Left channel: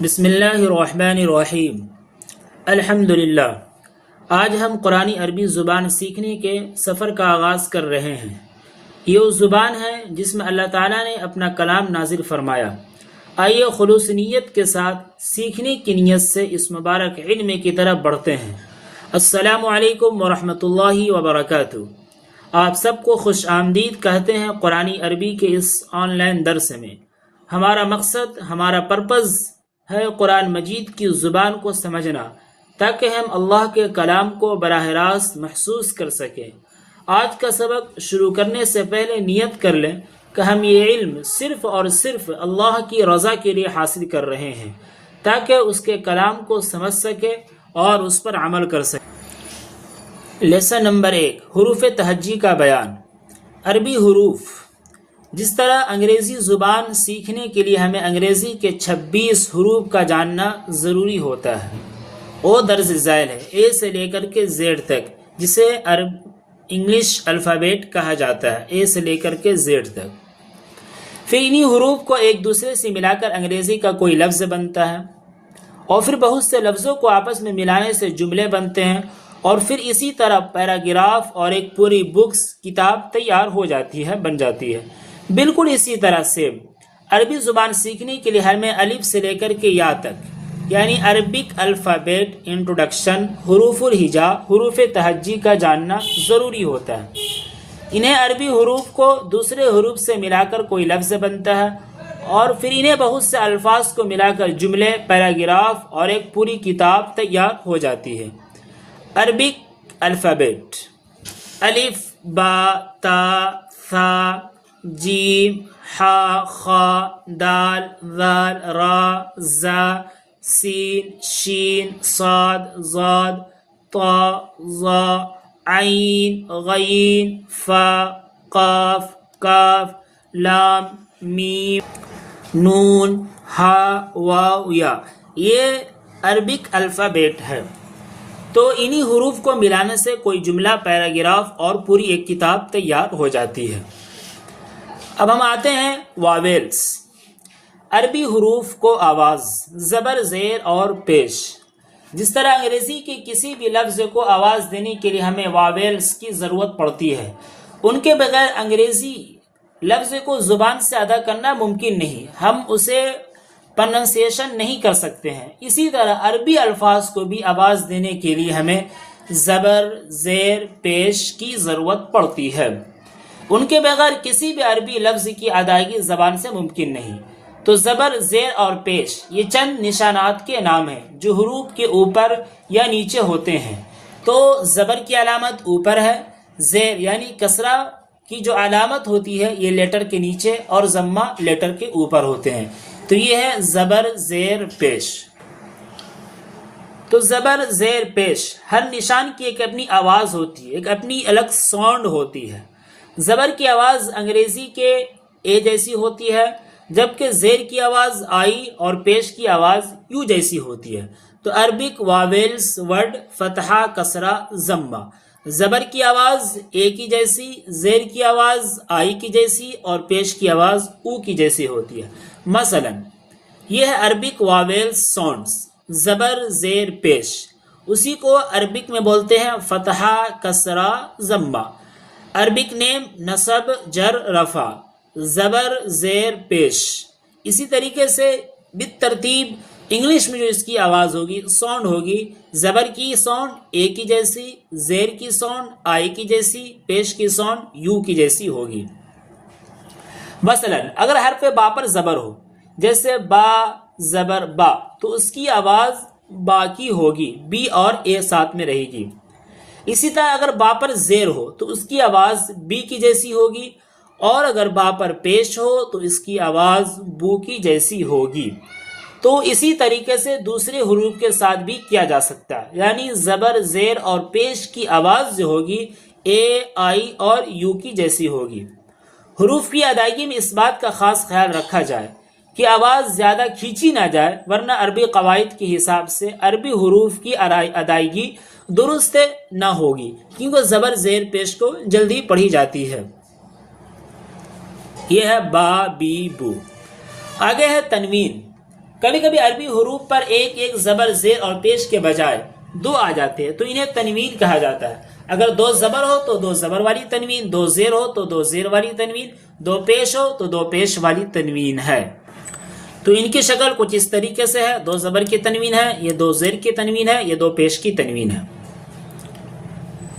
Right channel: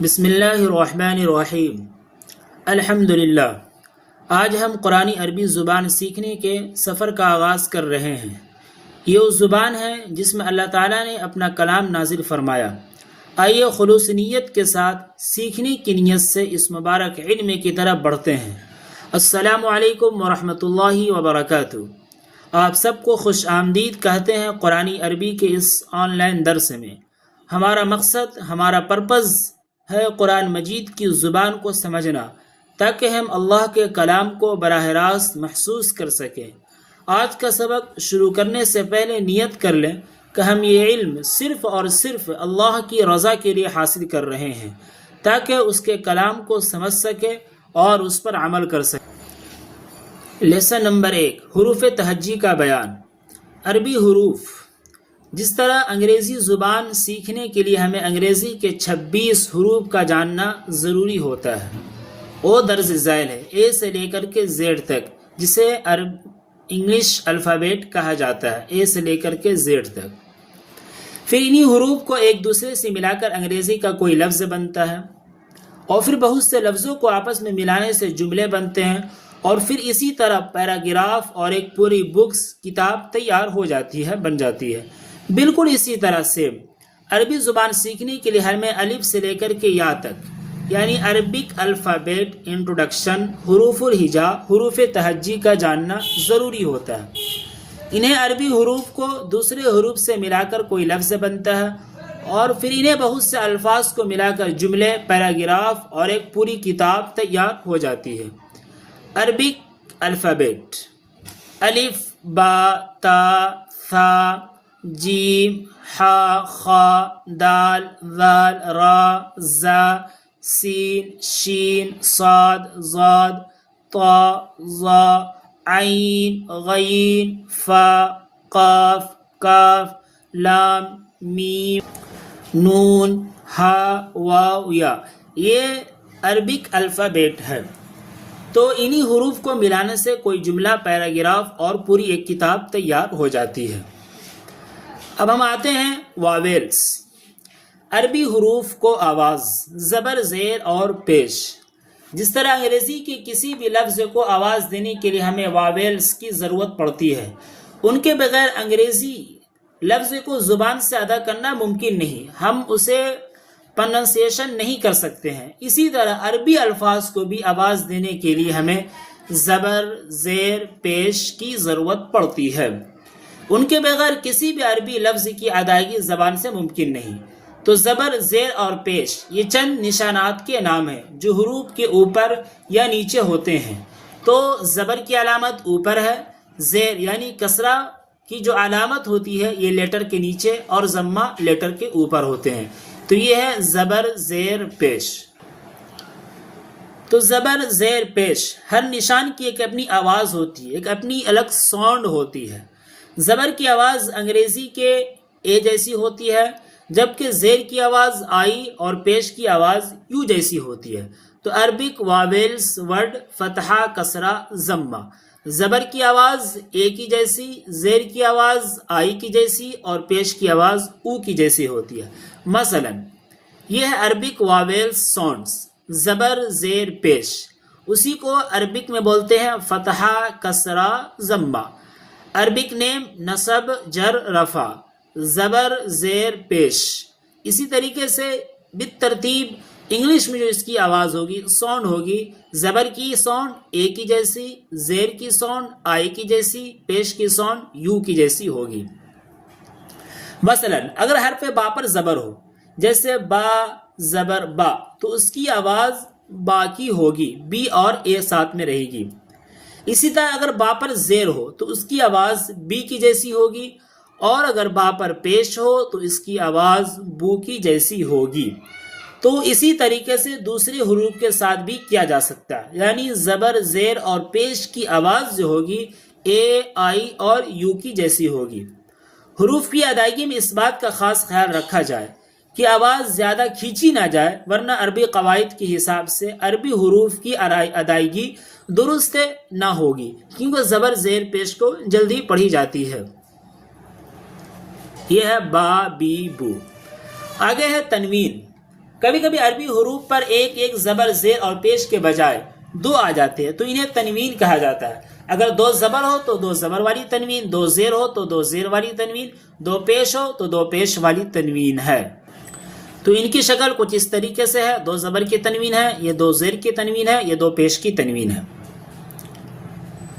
بسم اللہ الرحمن الرحیم۔ الحمدللہ۔ آج ہم قرآن عربی زبان سیکھنے کے سفر کا آغاز کر رہے ہیں۔ یہ اس زبان ہے جس میں اللہ تعالیٰ نے اپنا کلام نازل فرمایا۔ آئیے خلوص نیت کے ساتھ سیکھنے کی نیت سے اس مبارک علم کی طرف بڑھتے ہیں۔ السلام علیکم ورحمۃ اللہ وبرکاتہ۔ آپ سب کو خوش آمدید کہتے ہیں قرآن عربی کے اس آن لائن درس میں۔ ہمارا مقصد، ہمارا پرپز ہے قرآن مجید کی زبان کو سمجھنا، تاکہ ہم اللہ کے کلام کو براہ راست محسوس کر سکیں۔ آج کا سبق شروع کرنے سے پہلے نیت کر لیں کہ ہم یہ علم صرف اور صرف اللہ کی رضا کے لیے حاصل کر رہے ہیں، تاکہ اس کے کلام کو سمجھ سکیں اور اس پر عمل کر سکیں۔ لیسن نمبر 1، حروف تہجی کا بیان۔ عربی حروف۔ جس طرح انگریزی زبان سیکھنے کے لیے ہمیں انگریزی کے 26 حروف کا جاننا ضروری ہوتا ہے۔ او درج ذیل ہے، اے سے لے کر کے زیڈ تک، جسے انگلش الفابیٹ کہا جاتا ہے، اے سے لے کر کے زیڈ تک۔ پھر انہی حروف کو ایک دوسرے سے ملا کر انگریزی کا کوئی لفظ بنتا ہے، اور پھر بہت سے لفظوں کو آپس میں ملانے سے جملے بنتے ہیں، اور پھر اسی طرح پیراگراف اور ایک پوری کتاب تیار ہو جاتی ہے، بن جاتی ہے۔ بالکل اسی طرح سے عربی زبان سیکھنے کے لیے ہمیں الف سے لے کر کے یا تک، یعنی عربک الفابیٹ انٹروڈکشن، حروف الہجا، حروف تہجی کا جاننا ضروری ہوتا ہے۔ انہیں عربی حروف کو دوسرے حروف سے ملا کر کوئی لفظ بنتا ہے، اور پھر انہیں بہت سے الفاظ کو ملا کر جملے، پیراگراف اور ایک پوری کتاب تیار ہو جاتی ہے۔ عربک الفابیٹ: الف، با، تا، ثا، جیم، حا، خا، دال، ذال، را، زا، سین، شین، صاد، ضاد، طا، ظا، عین، غین، فا، قاف، کاف، لام، میم، نون، ہا، واو، یا۔ یہ عربک الفابیٹ ہے۔ تو انہی حروف کو ملانے سے کوئی جملہ، پیراگراف اور پوری ایک کتاب تیار ہو جاتی ہے۔ اب ہم آتے ہیں واویلز۔ عربی حروف کو آواز، زبر، زیر اور پیش۔ جس طرح انگریزی کے کسی بھی لفظ کو آواز دینے کے لیے ہمیں واویلز کی ضرورت پڑتی ہے۔ ان کے بغیر انگریزی لفظ کو زبان سے ادا کرنا ممکن نہیں، ہم اسے پروننسیشن نہیں کر سکتے ہیں۔ اسی طرح عربی الفاظ کو بھی آواز دینے کے لیے ہمیں زبر، زیر، پیش کی ضرورت پڑتی ہے۔ ان کے بغیر کسی بھی عربی لفظ کی ادائیگی زبان سے ممکن نہیں۔ تو زبر، زیر اور پیش یہ چند نشانات کے نام ہیں جو حروف کے اوپر یا نیچے ہوتے ہیں۔ تو زبر کی علامت اوپر ہے، زیر یعنی کسرہ کی جو علامت ہوتی ہے یہ لیٹر کے نیچے، اور ضمہ لیٹر کے اوپر ہوتے ہیں۔ تو یہ ہے زبر، زیر، پیش۔ تو زبر، زیر، پیش ہر نشان کی ایک اپنی آواز ہوتی ہے، ایک اپنی الگ ساؤنڈ ہوتی ہے۔ زبر کی آواز انگریزی کے اے جیسی ہوتی ہے، جبکہ زیر کی آواز آئی اور پیش کی آواز یو جیسی ہوتی ہے۔ تو عربک واویلز ورڈ فتحہ، کسرہ، ضمہ۔ زبر کی آواز اے کی جیسی، زیر کی آواز آئی کی جیسی اور پیش کی آواز او کی جیسی ہوتی ہے۔ مثلا یہ ہے عربک واویلز ساؤنڈز، زبر، زیر، پیش۔ اسی کو عربک میں بولتے ہیں فتحہ، کسرہ، ضمہ۔ عربک نیم نصب، جر، رفع، زبر، زیر، پیش۔ اسی طریقے سے بالترتیب انگلش میں جو اس کی آواز ہوگی، ساؤنڈ ہوگی، زبر کی ساؤنڈ اے کی جیسی، زیر کی ساؤنڈ آئی کی جیسی، پیش کی ساؤنڈ یو کی جیسی ہوگی۔ مثلا اگر حرف با پر زبر ہو، جیسے با، زبر، با، تو اس کی آواز با کی ہوگی، بی اور اے ساتھ میں رہے گی۔ اسی طرح اگر با پر زیر ہو تو اس کی آواز بی کی جیسی ہوگی، اور اگر با پر پیش ہو تو اس کی آواز بو کی جیسی ہوگی۔ تو اسی طریقے سے دوسرے حروف کے ساتھ بھی کیا جا سکتا ہے، یعنی زبر، زیر اور پیش کی آواز جو ہوگی اے، آئی اور یو کی جیسی ہوگی۔ حروف کی ادائیگی میں اس بات کا خاص خیال رکھا جائے کہ آواز زیادہ کھینچی نہ جائے، ورنہ عربی قواعد کے حساب سے عربی حروف کی ادائیگی درست نہ ہوگی، کیونکہ زبر، زیر، پیش کو جلدی پڑھی جاتی ہے۔ یہ ہے با، بی، بو۔ آگے ہے تنوین۔ کبھی کبھی عربی حروف پر ایک ایک زبر زیر اور پیش کے بجائے دو آ جاتے ہیں تو انہیں تنوین کہا جاتا ہے. اگر دو زبر ہو تو دو زبر والی تنوین، دو زیر ہو تو دو زیر والی تنوین، دو پیش ہو تو دو پیش والی تنوین ہے. تو ان کی شکل کچھ اس طریقے سے ہے، دو زبر کی تنوین ہے، یہ دو زیر کی تنوین ہے، یہ دو پیش کی تنوین ہے.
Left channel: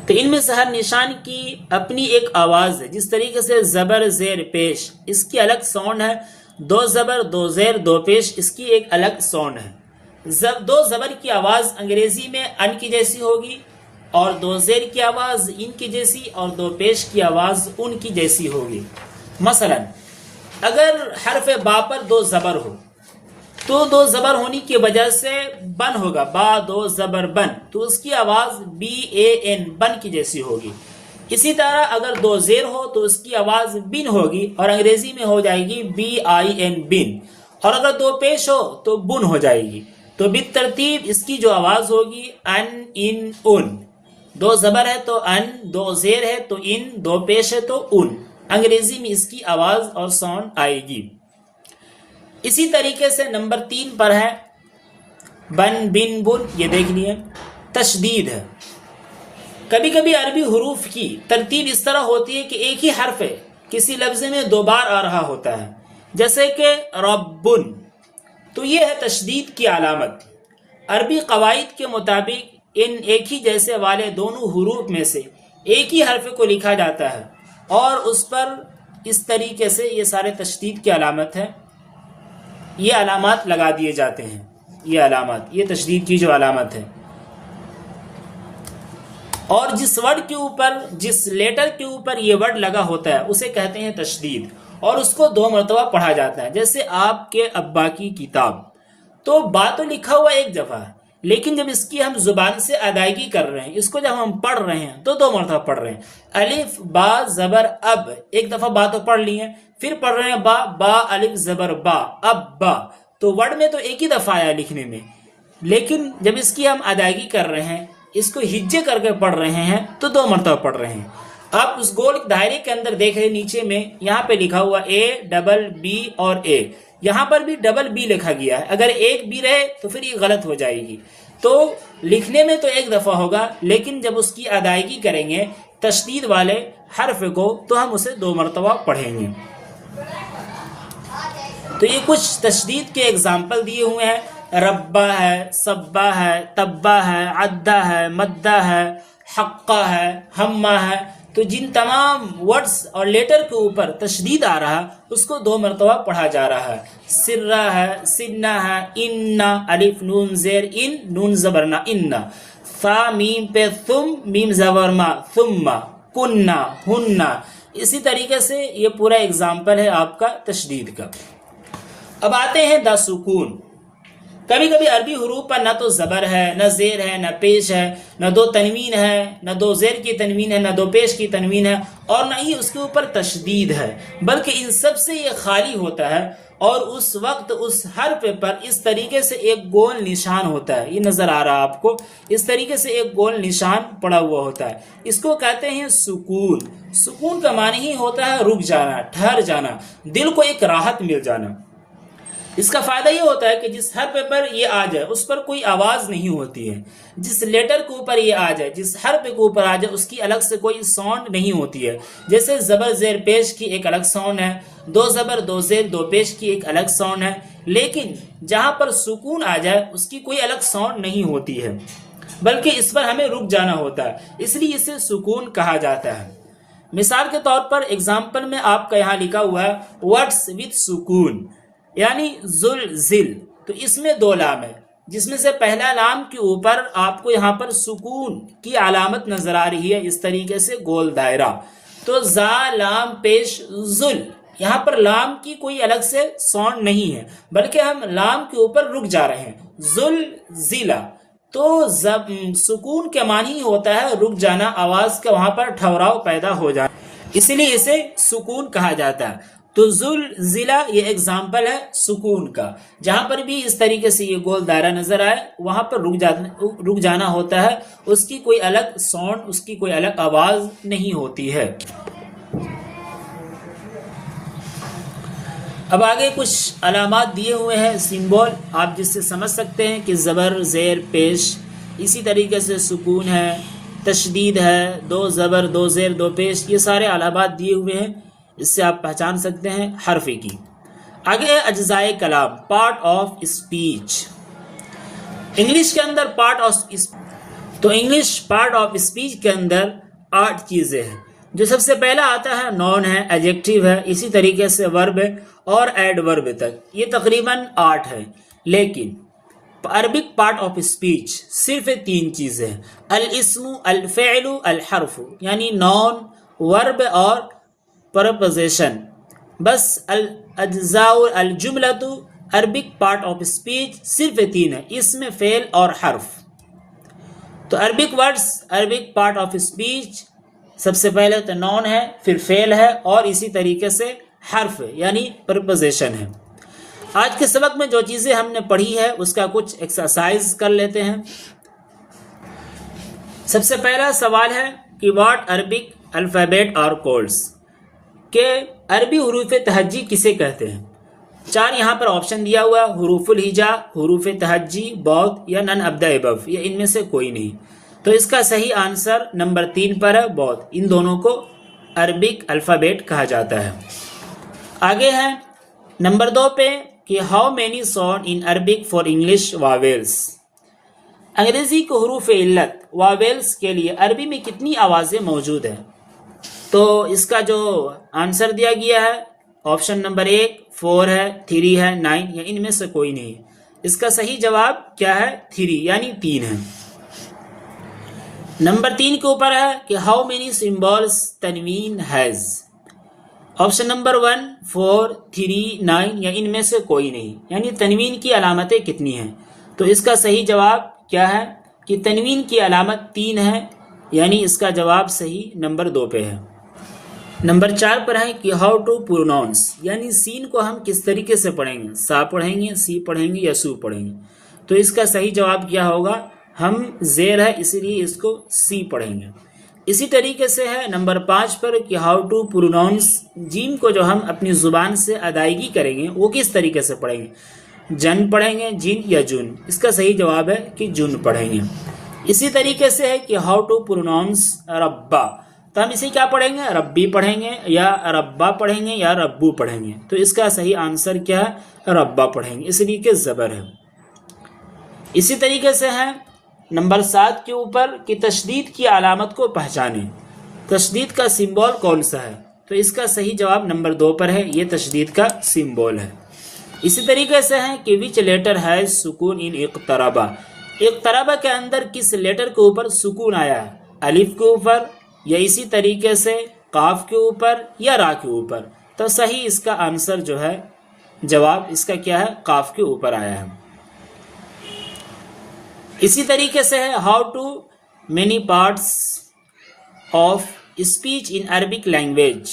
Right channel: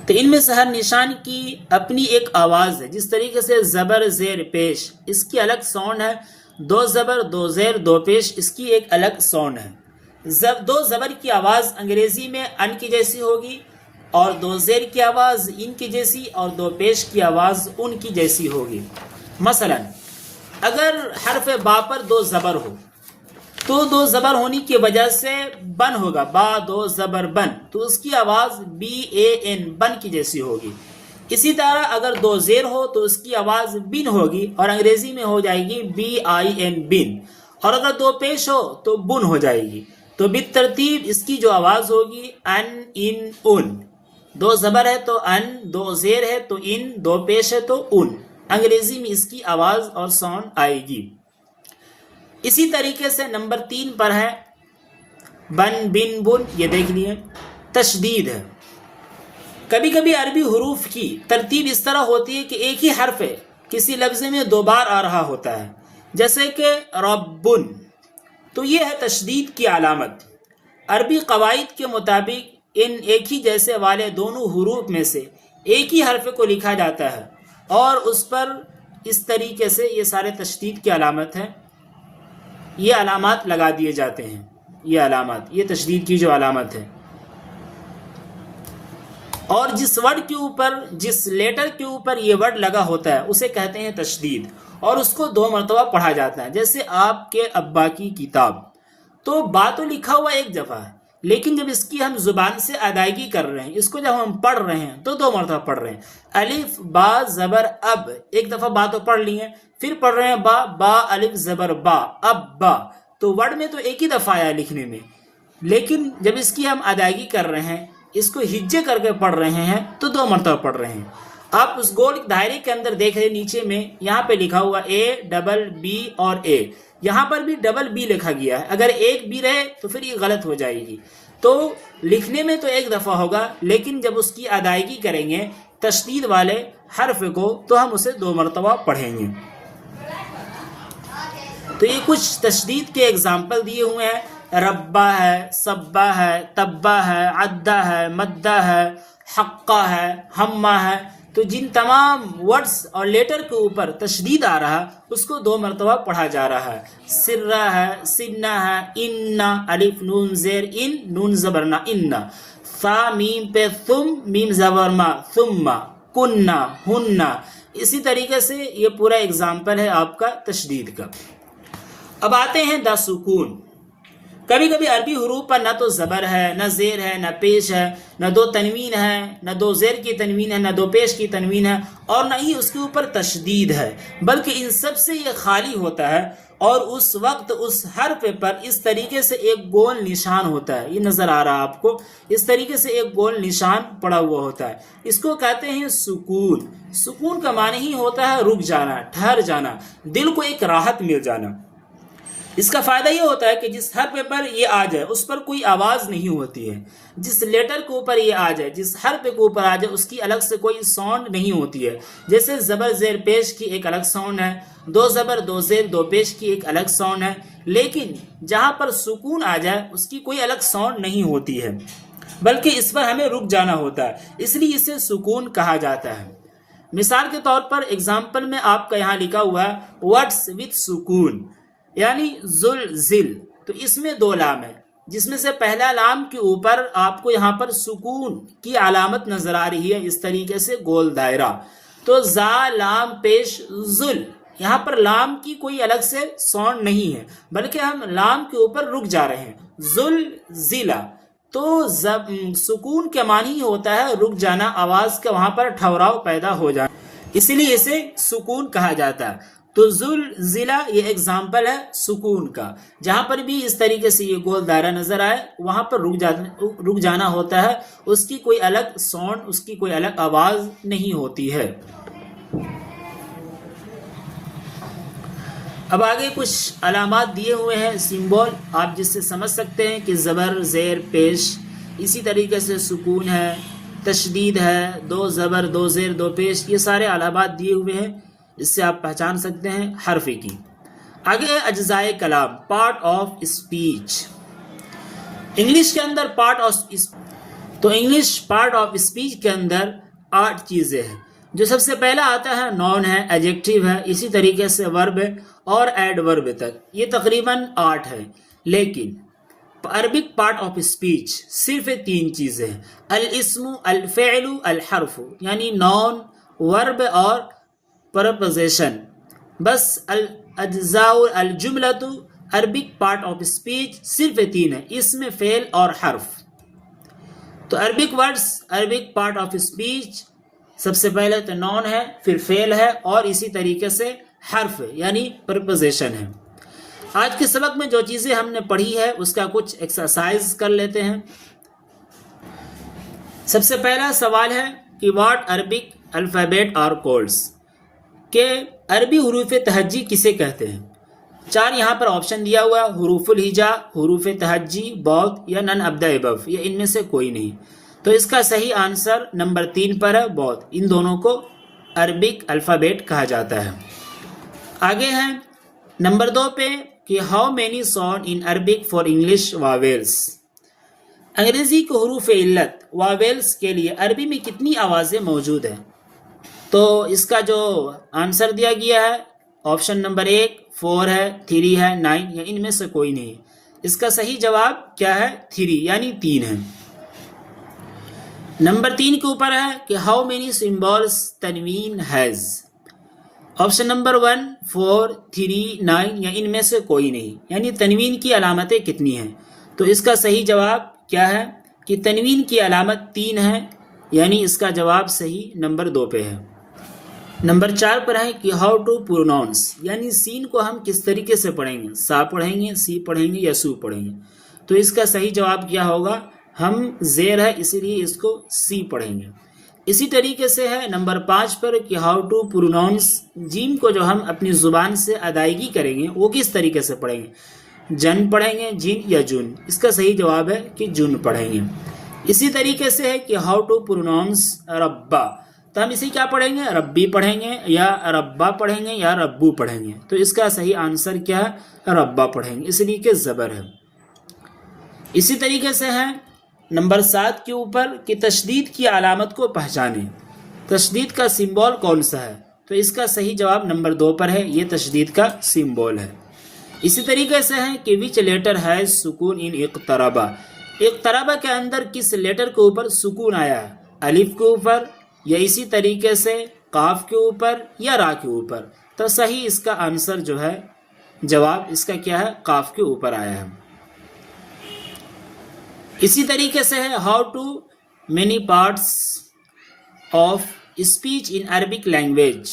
تو ان میں سے ہر نشان کی اپنی ایک آواز ہے. جس طریقے سے زبر زیر پیش اس کی الگ ساؤنڈ ہے، دو زبر دو زیر دو پیش اس کی ایک الگ ساؤنڈ ہے. دو زبر کی آواز انگریزی میں ان کی جیسی ہوگی، اور دو زیر کی آواز ان کی جیسی، اور دو پیش کی آواز ان کی جیسی ہوگی. مثلا اگر حرف با پر دو زبر ہو تو دو زبر ہونے کی وجہ سے بن ہوگا، با دو زبر بن، تو اس کی آواز بی اے این بن کی جیسی ہوگی. اسی طرح اگر دو زیر ہو تو اس کی آواز بن ہوگی اور انگریزی میں ہو جائے گی بی آئی این بن، اور اگر دو پیش ہو تو بن ہو جائے گی. تو بالترتیب اس کی جو آواز ہوگی ان ان ان، دو زبر ہے تو ان، دو زیر ہے تو ان، دو پیش ہے تو ان، انگریزی میں اس کی آواز اور ساؤنڈ آئے گی. اسی طریقے سے نمبر 3 پر ہے بن بن بن. یہ دیکھ لیے تشدید ہے. کبھی کبھی عربی حروف کی ترتیب اس طرح ہوتی ہے کہ ایک ہی حرف کسی لفظ میں دو بار آ رہا ہوتا ہے، جیسے کہ ربن، تو یہ ہے تشدید کی علامت. عربی قواعد کے مطابق ان ایک ہی جیسے والے دونوں حروف میں سے ایک ہی حرف کو لکھا جاتا ہے اور اس پر اس طریقے سے یہ سارے تشدید کی علامت ہے، یہ علامات لگا دیے جاتے ہیں. یہ علامات، یہ تشدید کی جو علامت ہے. اور جس ورڈ کے اوپر، جس لیٹر کے اوپر یہ ورڈ لگا ہوتا ہے اسے کہتے ہیں تشدید، اور اس کو 2 مرتبہ پڑھا جاتا ہے. جیسے آپ کے ابا کی کتاب، تو با تو لکھا ہوا ایک دفعہ ہے، لیکن جب اس کی ہم زبان سے ادائیگی کر رہے ہیں، اس کو جب ہم پڑھ رہے ہیں تو 2 مرتبہ پڑھ رہے ہیں. الف با زبر اب، ایک دفعہ با تو پڑھ لی ہے، پھر پڑھ رہے ہیں با، با الف زبر با، اب با. تو ورڈ میں تو ایک ہی دفعہ آیا لکھنے میں، لیکن جب اس کی ہم ادائیگی کر رہے ہیں، اس کو ہجے کر کے پڑھ رہے ہیں تو 2 مرتبہ پڑھ رہے ہیں. آپ اس گول دائرے کے اندر دیکھ رہے ہیں، نیچے میں یہاں پہ لکھا ہوا اے ڈبل بی اور اے، یہاں پر بھی ڈبل بی لکھا گیا ہے. اگر ایک بی رہے تو پھر یہ غلط ہو جائے گی. تو لکھنے میں تو ایک دفعہ ہوگا، لیکن جب اس کی ادائیگی کریں گے تشدید والے حرف کو تو ہم اسے 2 مرتبہ پڑھیں گے. تو یہ کچھ تشدید کے اگزامپل دیے ہوئے ہیں. ربا ہے، سبا ہے، تبا ہے، عدہ ہے، مدہ ہے، حقہ ہے، ہمہ ہے. تو جن تمام ورڈز اور لیٹر کے اوپر تشدید آ رہا اس کو 2 مرتبہ پڑھا جا رہا ہے. سرہ ہے، سنہ ہے، انہ، الف نون زیر ان، نون زبرنا انہ، فا میم پہ ثم، میم زبرما ثم، کنہ، ہنہ. اسی طریقے سے یہ پورا اگزامپل ہے آپ کا تشدید کا. اب آتے ہیں دا سکون. کبھی کبھی عربی حروف پر نہ تو زبر ہے، نہ زیر ہے، نہ پیش ہے، نہ 2 تنوین ہے، نہ 2 زیر کی تنوین ہے، نہ 2 پیش کی تنوین ہے، اور نہ ہی اس کے اوپر تشدید ہے، بلکہ ان سب سے یہ خالی ہوتا ہے. اور اس وقت اس حرف پر اس طریقے سے ایک گول نشان ہوتا ہے. یہ نظر آ رہا ہے آپ کو، اس طریقے سے ایک گول نشان پڑا ہوا ہوتا ہے. اس کو کہتے ہیں سکون. سکون کا معنی ہی ہوتا ہے رک جانا، ٹھہر جانا، دل کو ایک راحت مل جانا. اس کا فائدہ یہ ہوتا ہے کہ جس حرف پر یہ آ جائے اس پر کوئی آواز نہیں ہوتی ہے. جس لیٹر کے اوپر یہ آ جائے، جس حرف کے اوپر آ جائے، اس کی الگ سے کوئی ساؤنڈ نہیں ہوتی ہے. جیسے زبر زیر پیش کی ایک الگ ساؤنڈ ہے، 2 زبر 2 زیر 2 پیش کی ایک الگ ساؤنڈ ہے، لیکن جہاں پر سکون آ جائے اس کی کوئی الگ ساؤنڈ نہیں ہوتی ہے، بلکہ اس پر ہمیں رک جانا ہوتا ہے. اس لیے اسے سکون کہا جاتا ہے. مثال کے طور پر ایگزامپل میں آپ کا یہاں لکھا ہوا ہے ورڈز وتھ سکون، یعنی زلزل. تو اس میں 2 لام ہے، جس میں سے پہلا لام کے اوپر آپ کو یہاں پر سکون کی علامت نظر آ رہی ہے، اس طریقے سے گول دائرہ. تو زا لام پیش زل، یہاں پر لام کی کوئی الگ سے ساؤنڈ نہیں ہے، بلکہ ہم لام کے اوپر رک جا رہے ہیں. زلزلہ. تو سکون کے معنی ہوتا ہے رک جانا، آواز کا وہاں پر ٹھہراؤ پیدا ہو جانا، اس لیے اسے سکون کہا جاتا ہے. تو زلزلہ یہ ایگزامپل ہے سکون کا. جہاں پر بھی اس طریقے سے یہ گول دائرہ نظر آئے وہاں پر رک جانا ہوتا ہے، اس کی کوئی الگ ساؤنڈ، اس کی کوئی الگ آواز نہیں ہوتی ہے. اب آگے کچھ علامات دیے ہوئے ہیں، سمبول، آپ جس سے سمجھ سکتے ہیں کہ زبر، زیر، پیش، اسی طریقے سے سکون ہے، تشدید ہے، دو زبر، دو زیر، دو پیش، یہ سارے علامات دیے ہوئے ہیں، اس سے آپ پہچان سکتے ہیں حرف کی۔ آگے ہے اجزائے کلام، پارٹ آف اسپیچ۔ انگلش کے اندر پارٹ آف اسپیچ کے اندر 8 چیزیں ہیں۔ جو سب سے پہلا آتا ہے نون ہے، ایڈجیکٹیو ہے، اسی طریقے سے ورب ہے اور ایڈ ورب تک، یہ تقریباً 8 ہے۔ لیکن عربک پارٹ آف اسپیچ صرف 3 چیزیں ہیں، الاسم، الفعل، الحرف، یعنی نون، ورب اور پرپوزیشن۔ بس الاجزاء الجملۃ، عربک پارٹ آف اسپیچ صرف 3 ہے، اسم، فعل اور حرف۔ تو Arabic words, Arabic part of speech سب سے پہلے تو نون ہے، پھر فعل ہے اور اسی طریقے سے حرف ہے، یعنی پرپوزیشن ہے۔ آج کے سبق میں جو چیزیں ہم نے پڑھی ہے اس کا کچھ ایکسرسائز کر لیتے ہیں۔ سب سے پہلا سوال ہے کہ واٹ عربک الفابیٹ آر کولڈز، کہ عربی حروف تہجی کسے کہتے ہیں؟ 4 یہاں پر آپشن دیا ہوا، حروف الہجا، حروف تہجی، بوتھ یا نن ابدا ابو، یا ان میں سے کوئی نہیں۔ تو اس کا صحیح آنسر نمبر 3 پر ہے، بوتھ۔ ان دونوں کو عربک الفابیٹ کہا جاتا ہے۔ آگے ہے نمبر 2 پہ کہ how many sound in Arabic for English vowels, انگریزی کے حروف علت واویلس کے لیے عربی میں کتنی آوازیں موجود ہیں؟ تو اس کا جو آنسر دیا گیا ہے آپشن نمبر 1 4 ہے، 3 ہے، 9 یا ان میں سے کوئی نہیں۔ اس کا صحیح جواب کیا ہے؟ 3 یعنی 3 ہے۔ نمبر 3 کے اوپر ہے کہ ہاؤ مینی سمبولز تنوین ہیز، آپشن نمبر 1 4 3 9 یا ان میں سے کوئی نہیں، یعنی تنوین کی علامتیں کتنی ہیں؟ تو اس کا صحیح جواب کیا ہے کہ تنوین کی علامت 3 ہے، یعنی اس کا جواب صحیح نمبر 2 پہ ہے۔ نمبر 4 پر ہے کہ ہاؤ ٹو پروناؤنس، یعنی سین کو ہم کس طریقے سے پڑھیں گے، سا پڑھیں گے، سی پڑھیں گے یا سو پڑھیں گے؟ تو اس کا صحیح جواب کیا ہوگا؟ ہم زیر ہے اسی لیے اس کو سی پڑھیں گے۔ اسی طریقے سے ہے نمبر 5 پر کہ ہاؤ ٹو پروناؤنس، جیم کو جو ہم اپنی زبان سے ادائیگی کریں گے وہ کس طریقے سے پڑھیں گے، جن پڑھیں گے، جن یا جن؟ اس کا صحیح جواب ہے کہ جن پڑھیں گے۔ اسی طریقے سے ہے کہ ہاؤ ٹو پروناؤنس ربا، تو ہم اسے کیا پڑھیں گے؟ ربی پڑھیں گے یا ربا پڑھیں گے یا ربو پڑھیں گے؟ تو اس کا صحیح آنسر کیا ہے؟ ربا پڑھیں گے، اس لیے کہ زبر ہے۔ اسی طریقے سے ہے نمبر 7 کے اوپر کہ تشدید کی علامت کو پہچانیں، تشدید کا سمبول کون سا ہے؟ تو اس کا صحیح جواب نمبر 2 پر ہے، یہ تشدید کا سمبول ہے۔ اسی طریقے سے ہے کہ وچ لیٹر ہیز سکون ان اقتربا، اقتربا کے اندر کس لیٹر کے اوپر سکون آیا ہے؟ الف کے اوپر یا اسی طریقے سے قاف کے اوپر یا را کے اوپر؟ تو صحیح اس کا آنسر جو ہے جواب اس کا کیا ہے؟ قاف کے اوپر آیا ہے۔ اسی طریقے سے ہے how to many parts of speech in Arabic language,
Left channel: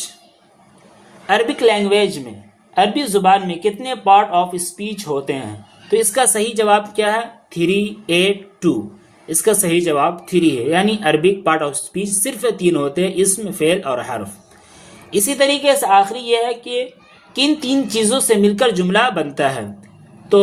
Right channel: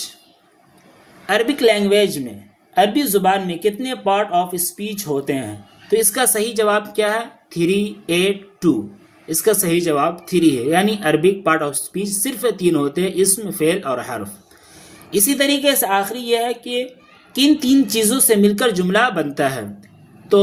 Arabic language میں، عربی زبان میں کتنے پارٹ آف اسپیچ ہوتے ہیں؟ تو اس کا صحیح جواب کیا ہے؟ 3 8 2، اس کا صحیح جواب 3 ہے، یعنی عربک پارٹ آف اسپیچ صرف 3 ہوتے ہیں، اسم، فعل اور حرف۔ اسی طریقے سے آخری یہ ہے کہ کن 3 چیزوں سے مل کر جملہ بنتا ہے؟ تو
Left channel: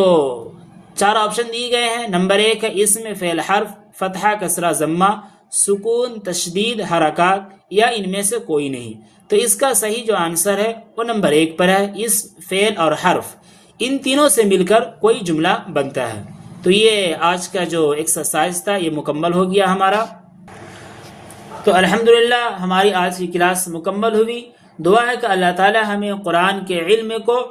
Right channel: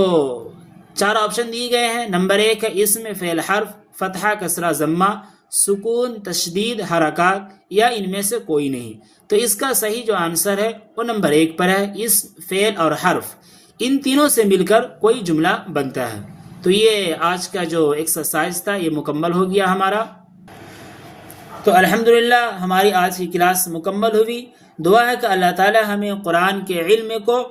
4 آپشن دیے گئے ہیں۔ نمبر 1 ہے اسم، فعل، حرف، فتحہ، کسرہ، ضمہ، سکون، تشدید، حرکات یا ان میں سے کوئی نہیں۔ تو اس کا صحیح جو آنسر ہے وہ نمبر 1 پر ہے، اسم، فعل اور حرف، ان تینوں سے مل کر کوئی جملہ بنتا ہے۔ تو یہ آج کا جو ایکسرسائز تھا یہ مکمل ہو گیا ہمارا۔ تو الحمدللہ ہماری آج کی کلاس مکمل ہوئی۔ دعا ہے کہ اللہ تعالی ہمیں قرآن کے علم کو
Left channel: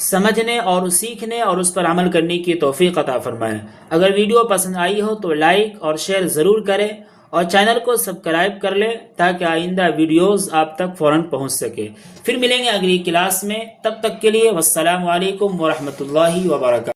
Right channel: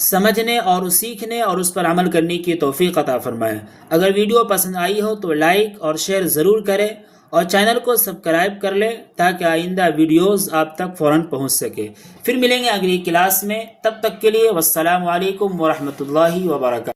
سمجھنے اور سیکھنے اور اس پر عمل کرنے کی توفیق عطا فرمائے۔ اگر ویڈیو پسند آئی ہو تو لائک اور شیئر ضرور کریں اور چینل کو سبسکرائب کر لیں تاکہ آئندہ ویڈیوز آپ تک فوراً پہنچ سکے۔ پھر ملیں گے اگلی کلاس میں، تب تک کے لیے والسلام علیکم ورحمۃ اللہ وبرکاتہ۔